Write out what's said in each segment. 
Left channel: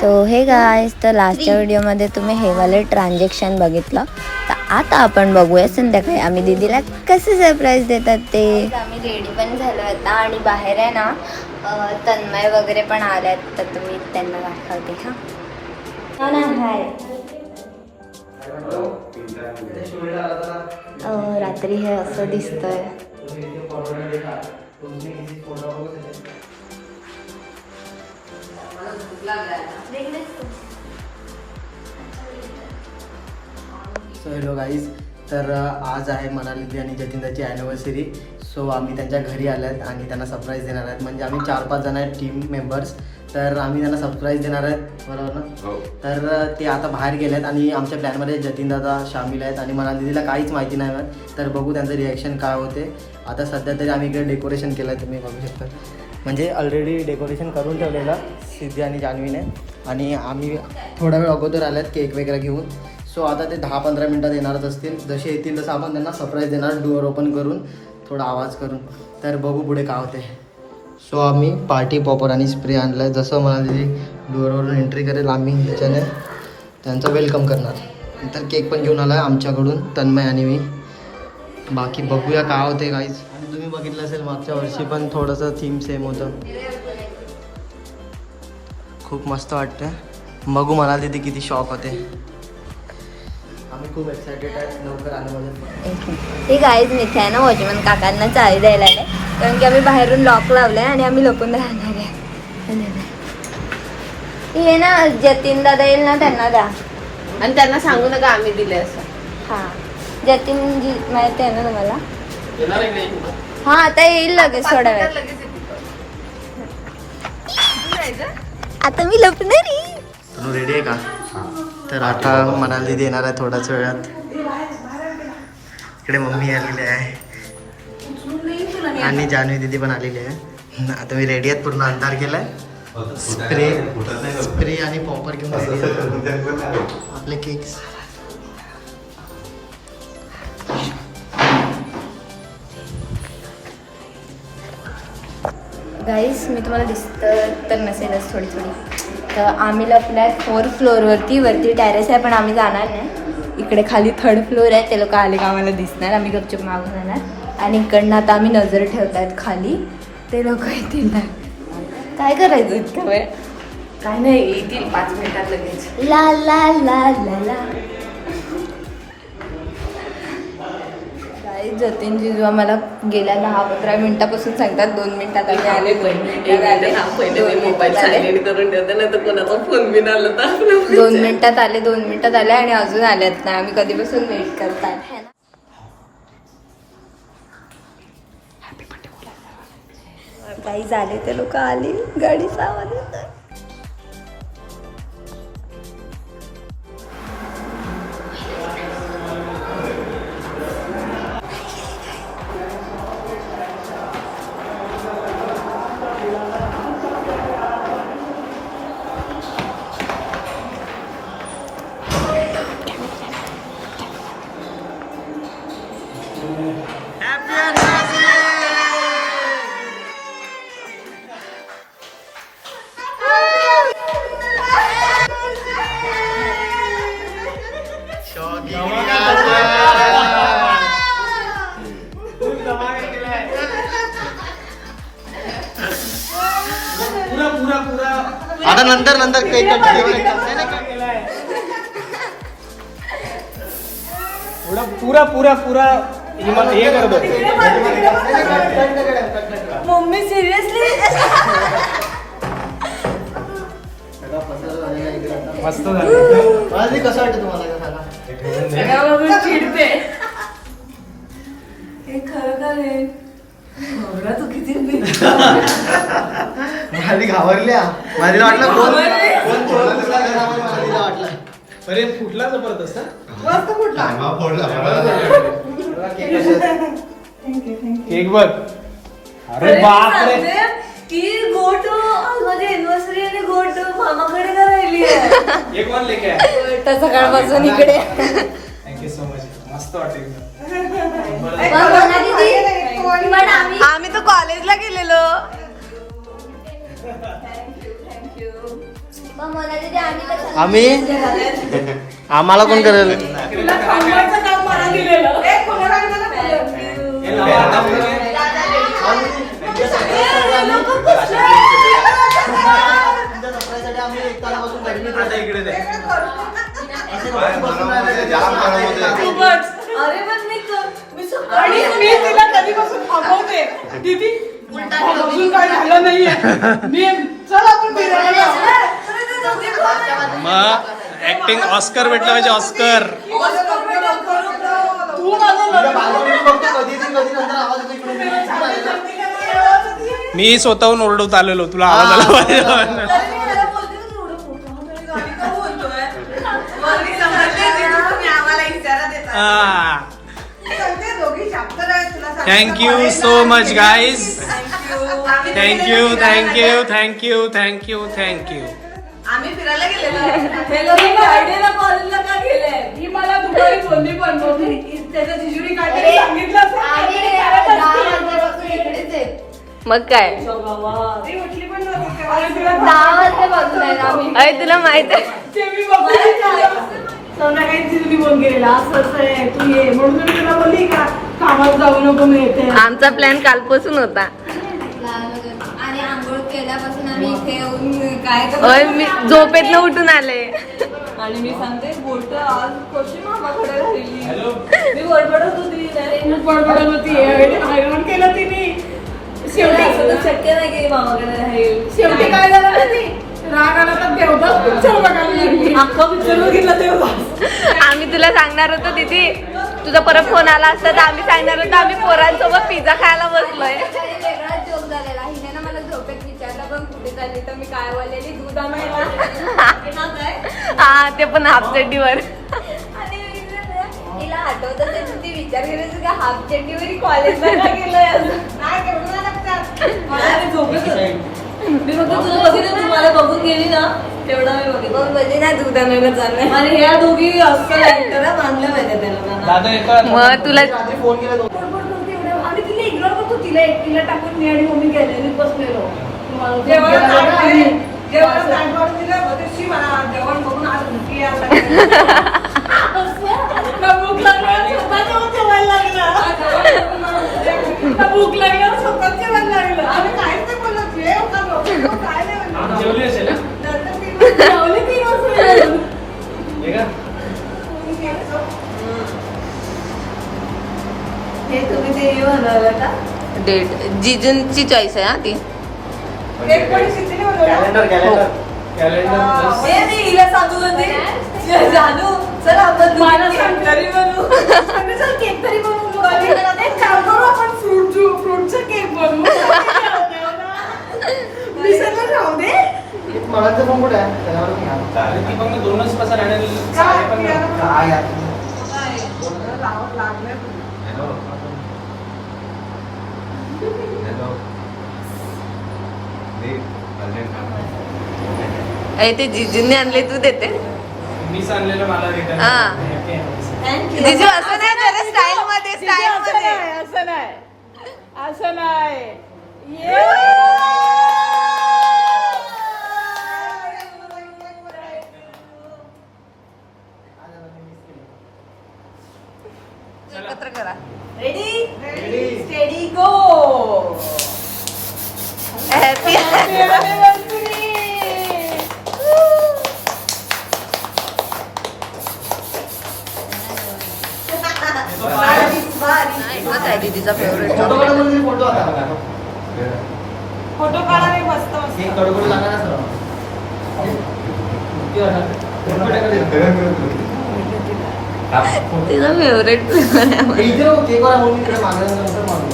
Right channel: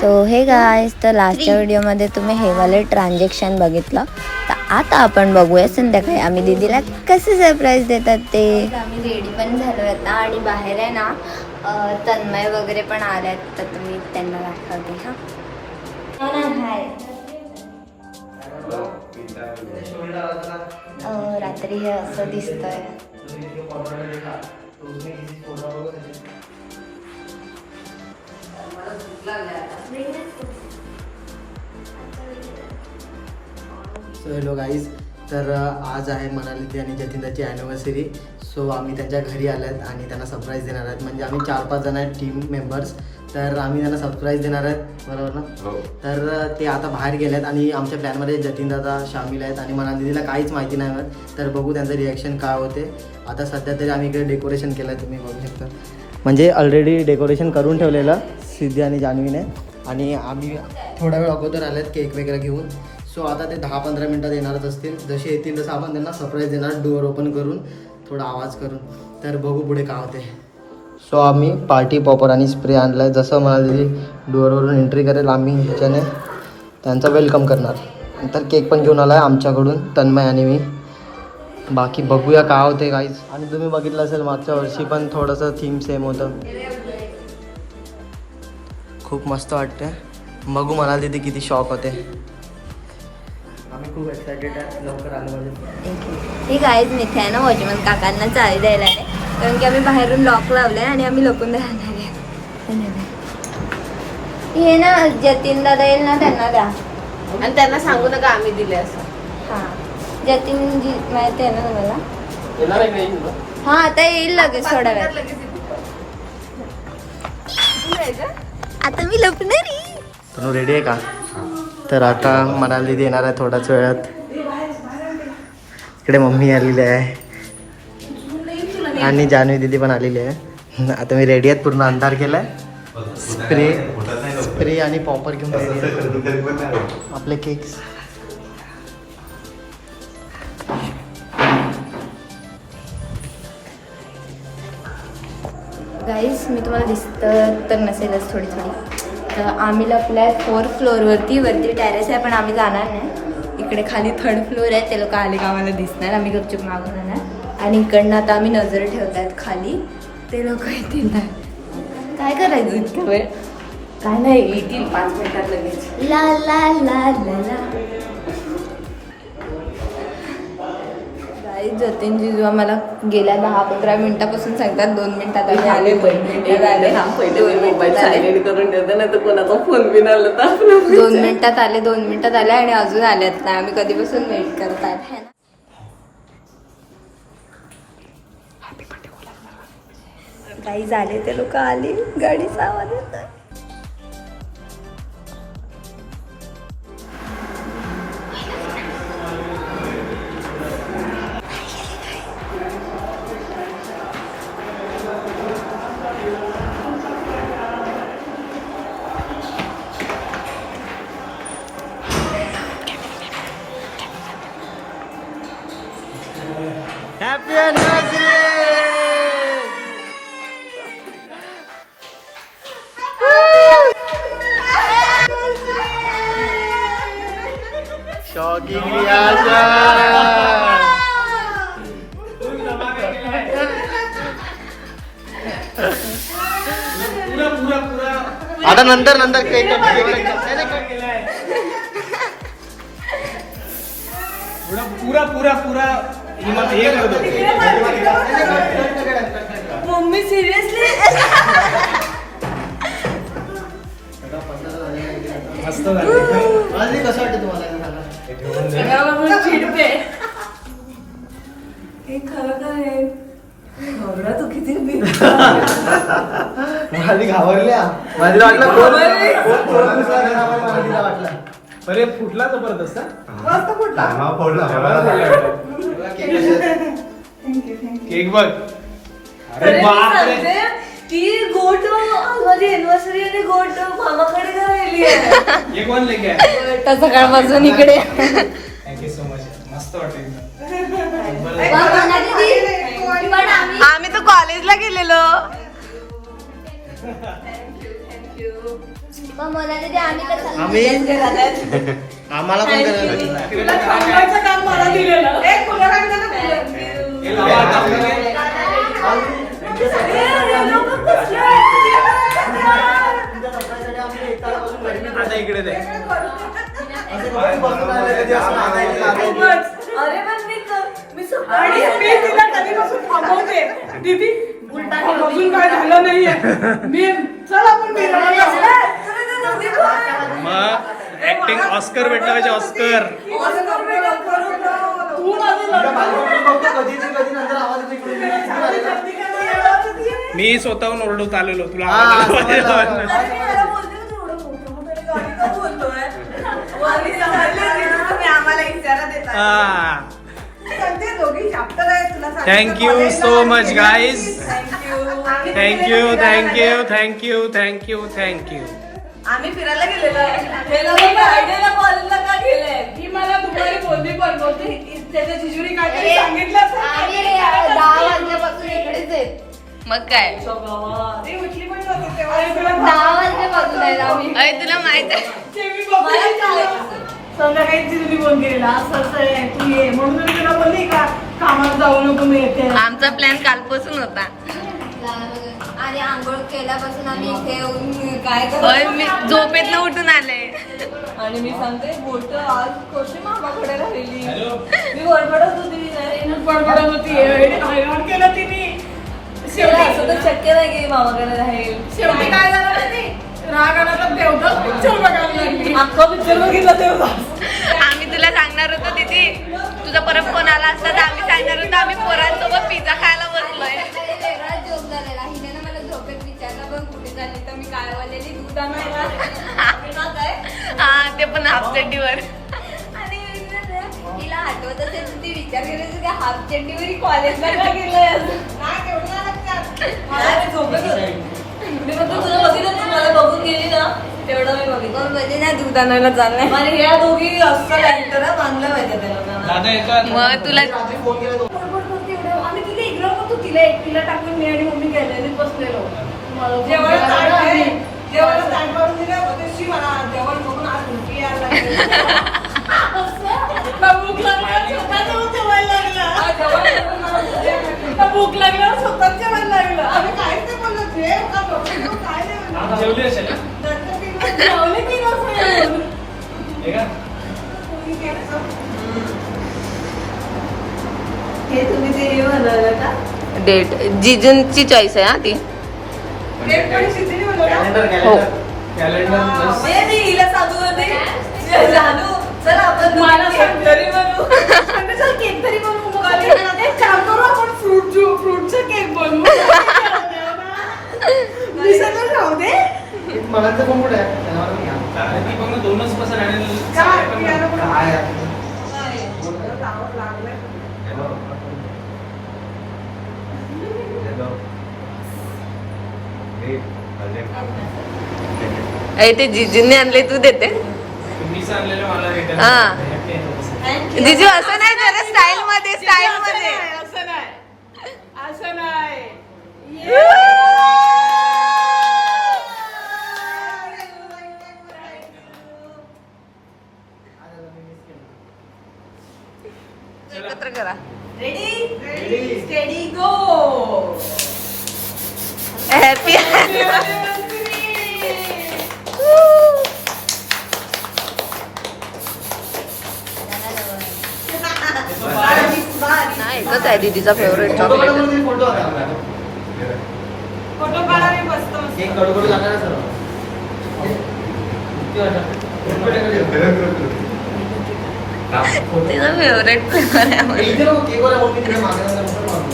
So हे guys तर लास्टच्या व्हिडिओमध्ये तुम्ही हे वाले ट्रान्झॅक्शन बघितलं. तर आता आपण बघूया संध्याकाळी आम्ही दीदीला कसे सरप्राईज देतात ते. आम्ही रेडी पण झालो आता आणि बाहेर आहे ना तन्मय वगैरे पण आल्यात तर तुम्ही त्यांना दाखवते हा. रात्री हे असं दिसतंय. सो हॅलो गाईज तर आज आहे मनाली आणि जतिनदाची ॲनिव्हर्सरी सो आम्ही त्यांच्या घरी आलो आहेत आणि त्यांना सरप्राईज देणार आहेत. म्हणजे आम्ही चार पाच जण आहेत टीम मेंबर्स तर आम्ही त्यांना सरप्राईज देणार आहेत. बरोबर ना? तर अ, ते आता बाहेर गेले आहेत आणि आमच्या प्लॅनमध्ये जतिनदादा सामील आहेत आणि मनाली दिदीला काहीच माहिती नाही होत. तर बघू त्यांचं रिॲक्शन काय होते. आता सध्या तरी आम्ही इकडे डेकोरेशन केलं आहे तुम्ही बघू शकता. म्हणजे ऑलरेडी डेकोरेशन करून ठेवलेलं सिद्धी आणि जान्हवीने. आणि आम्ही थोडा वेळ अगोदर आल्यात केक वगैरे घेऊन. सो आता ते दहा पंधरा मिनटात येणारच असतील. जसे येतील तसं आपण त्यांना सरप्राईज देणार डोअर ओपन करून थोडा आवाज करून. तर बघू पुढे काय होते सो आम्ही पार्टी पॉपर आणि स्प्रे आणला आहे जसं म्हणाली डोअरवरून एंट्री करेल आम्ही त्याच्याने. त्यांचं वेलकम करणार. नंतर केक पण घेऊन आला आहे आमच्याकडून तन्मय आणि मी. बाकी बघूया काय होते काहीच आणि तुम्ही बघितलं असेल मागच्या वर्षी पण थोडंसं थीम सेम होतं. खूप मस्त वाटतं बघू मला तिथे किती शॉक होते. आम्ही खूप एक्सायटेड आहे. लवकर आलं म्हणजे. हे गाईज मिथे आहे ना वॉचमन काकांना चावी द्यायला आले. कारण की आम्ही बाहेरून लॉक लावलाय आणि आम्ही लपून राहणार आहे. हे ना जतीन दादा येईल ना त्यांना द्या. आणि त्यांना सांगू नका आम्ही दिले असं. हा. जतीन जी माहिती आहे ना तुम्हाला? हा आता येईल लगेच थोड्या वेळ. आता मी लपणार आहे. तनु रेडी आहे का? तर आता मनाली दिदी येणार आहे थोड्याच वेळात. इकडे मम्मी आलेली आहे. आणि जान्हवी दिदी पण आलेली आहे. आता मी रेडी आहेत पूर्ण अंधार केलाय. स्प्रे स्प्रे आणि पॉपर घेऊन रेडी आहे आपले केक्स गाईस मी तुम्हाला दिसतं तर नसेलच थोडी थोडी. तर आम्ही लपलाय फोर फ्लोअरवरती वरती टेरेस आहे पण आम्ही जाणार नाही. इकडे खाली थर्ड फ्लोअर आहे ते लोक आले का आम्हाला दिसणार. आम्ही गपचूप मागून जाणार. आणि इकडनं आता आम्ही नजर ठेवतायत खाली. ते लोक येतील ना काय करायचं इतकं वेळ? काय नाही येतील पाच मिनिटात लगेच. ला ला ला ला ला. गाईस जतीन जिजू आम्हाला गेल्या दहा पंधरा मिनिटापासून सांगतात दोन मिनिटात आले आले दोन मिनिटात आले दोन मिनिटात आले. दोन मिनिटात आले दोन मिनिटात आले आणि अजून आलेत नाही. आम्ही कधीपासून वेट करतायत है ना? काही झाले ते लोक आले आवाज येतोय. शॉकिंग आता नंतर नंतर कट. पूरा पूरा. हे मम्मी सिरियसली मस्त कसं वाटतं तुम्हाला? ते? चिडते मला घाबरल्या. मला वाटलं कोण कोण चोर वाटलं अरे फुटला जबरदस्त? केक बघ. अरे बापरे की गोटो माझी एनिव्हर्सरी आणि गोटो मामाकडे का राहिली आहे? हे कोण लेके. आहे तर सकाळपासून इकडे. थँक्यू सो मच मस्त वाटेल आम्ही तर कॉलेजला गेलेलो. आम्ही आम्हाला पण करेल आता इकडे दे. अरे पण मी क- मी सकाळी मी तिला कधीपासून थांबवते. दीदी अजून काय झालं नाहीये. मी चल आपण फिरायला जाऊ. मग ऍक्टिंग ऑस्कर भेटला पाहिजे ऑस्कर मागून मी स्वतःहून ओरडत आलेलो तुला हा, आवाज आला. Thank you so much guys Thank you. Thank you thank you thank you thank you thank you आम्ही फिरायला गेलेलो. मग काय? अरे तुला माहीत आहे. आमचा प्लॅन कालपासून होता. आणि आंघोळ केल्यापासून आम्ही इथे येऊन काय अरे मी झोपेतनं उठून आले. आणि मी सांगते बोलतो आज कशी मामाकडे राहिली. मी बडबडत होती खूप बडबडत होती हैराण केलं तिने शेवटी असं शक्य नाही मामाकडे राहील. शेवटी काय झालं राग आला तर देवदास पिक्चर बघायला लागली. अख्खा पिक्चर बघितला तेव्हा. आम्ही तुला सांगणार होतो तिथे तुझा परत फोन आला असता तर आम्ही सांगणार होतो आम्ही पोरांसोबत पिझ्झा खायला बसलोय. मला विचारलं काय हा ते पण हाफ चड्डीवर आणि मी विचारलं, हाफ चड्डीवरी कॉलेजला का गेलंय असं? काय करू लागतात मला ते झोपेत होते. मी फक्त तुला बघितलं तू मला बघून गेली ना तेवढा मी बघितलं मग बोलली ना दूध आणायला चाललंय आणि ह्या दोघी असं ऍक्टर मानलं पाहिजे त्याला मला. दादा येतात मग तुला आम्ही फोन केला तो. आणि तिला इकडं बघ तू तिला एकटीला टाकून मी आणि मम्मी गॅलरीत बसलेलो जेवण ताटवाडी- हे तुम्ही ते हे बनवलं का? डेट जिजूंची चॉईस आहे हा ती. एक कढी खिचडी बनवलं? कॅलेंडर हो. कॅलेंडर कॅलेंडर प्लस ए, मी हिला सांगू होते. जानू चल आपण मला सांग. तरी बनवू. आम्ही चल केक तरी बनवू. एक काम करू आपण फ्रूट ज्यू फ्रूटचा केक बनवू. मी सगळं राहू दे. मला तर पण कुठे आहे? त्याला पण घ्या. अरे ती फक्त दोनच काय? अरे ते जिजूंनी आणले तू देते. हा. जिजू असं नाही जरा स्टाईल मध्ये स्टाईल मध्ये असं नाही. असं नाही. एकत्र करा. रेडी स्टेडी गो हॅपी एकच आहे दीदीचा फेवरेट फोटो चॉकलेट केक. तिचा फेवरेट फ्लेवर आहे मला. इथे नको, केकवर म्हणून इकडे मागं नंतर मागं.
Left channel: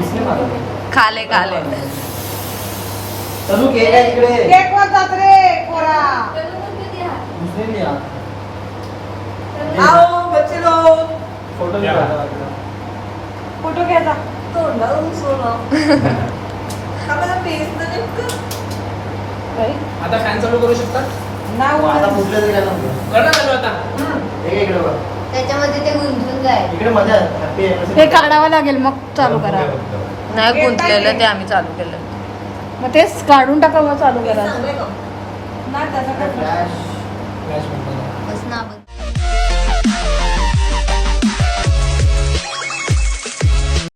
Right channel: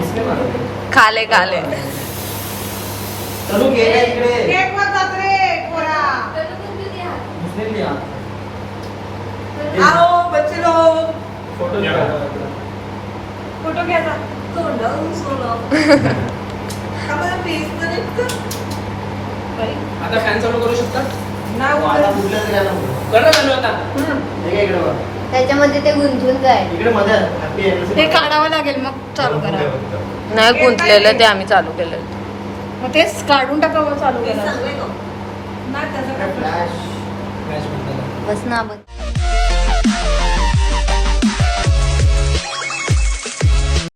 इसने मागं. खाले खाले तनु केक आहे इकडे केक वर जात रे पोरा मुस्लिम नाही हा. आओ बच्चे लोग फोटो या. काढा. फोटो घ्या ना तोंडावरून सोडा आम्हाला पेज आता फॅन चालू करू शकता? हो, हे. त्याच्यामध्ये ते गुंतून. ते काढावं लागेल मग चालू करा. नाही गुंतलेलं ते आम्ही चालू केलं मग तेच काढून टाका मग चालू करा. म्हणतात. बस ना